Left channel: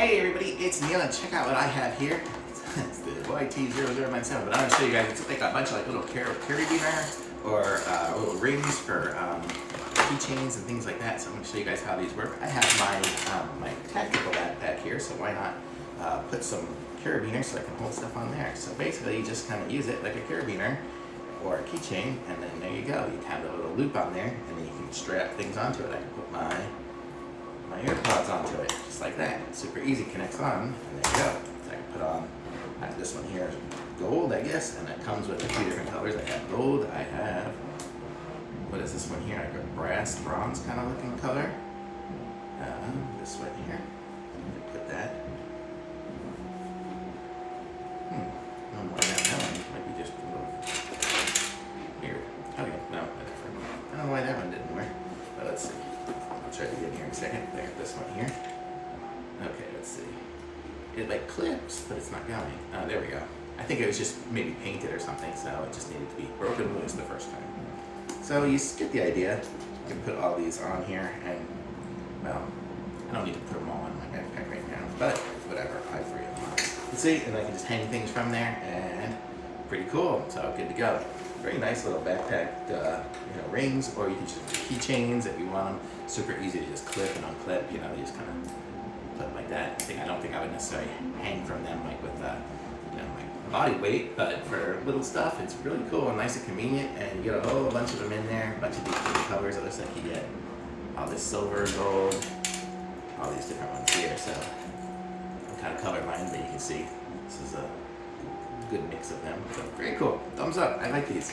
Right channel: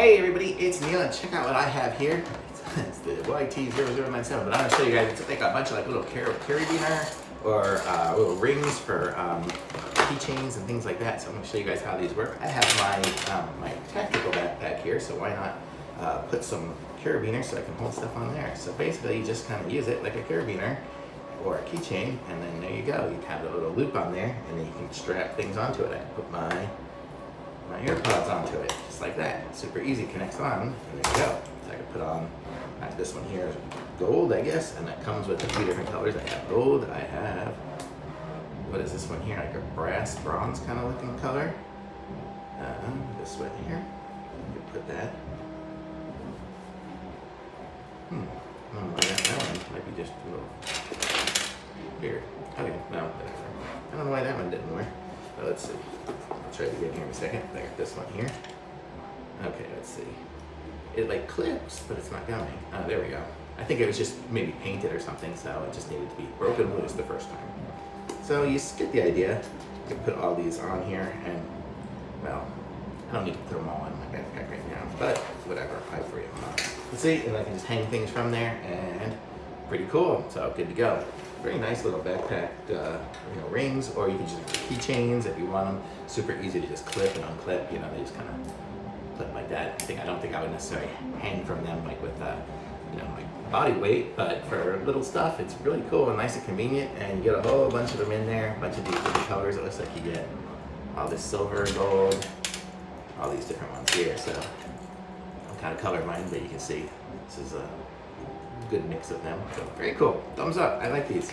Hey everybody, it's Neil and check out what I have here. It's the YT0097, but I'm gonna show you guys, it's like a bunch of like little carabiner or little rings for keychains and things like that. So I'm gonna show you guys how these work. I have my tactical backpack here, so why not put some carabiners so I can hold stuff on there. So basically you just kind of use it like a carabiner or a keychain, and then there you go. You have a little loop on there, and then you can strap things onto it. I can put my AirPods onto it, just like that. Super easy, connects on, and there you go. So I can put on, this one here is gold, I guess, and it comes with a few different colors. I have gold, I have, what is this one here? Like a bronze kind of looking color. This one here, you can put that. I don't know why that one might be just a little weird. Okay, no, whatever. I don't know why that one didn't work, but let's see. I'll try it again here in a second. I got this one here. Okay, let's see. It like clips, but it's not going. There we go. I think it was just maybe painted or something, so it just needed to be broken loose the first time. So you get the idea. You can put all these on here, and well, I don't need to put them all on my backpack right now, but whatever, I free them up. You see, and I can just hang things from there, and pretty cool. So good to go. Very nice little backpack, rings, or you can just keychains if you want them. Super easy to just clip and unclip. They just kind of put them like that. I don't think I would necessarily hang from them like with like body weight, but for little stuff, it's really cool and nice and convenient. And you get a whole bunch of them in there, a bunch of these different colors. It looks like you get all this silver, gold, all these different ones here. So I'm kind of colorblind, but you can see this is a good mix of them. So very cool. Thumbs up. I like these.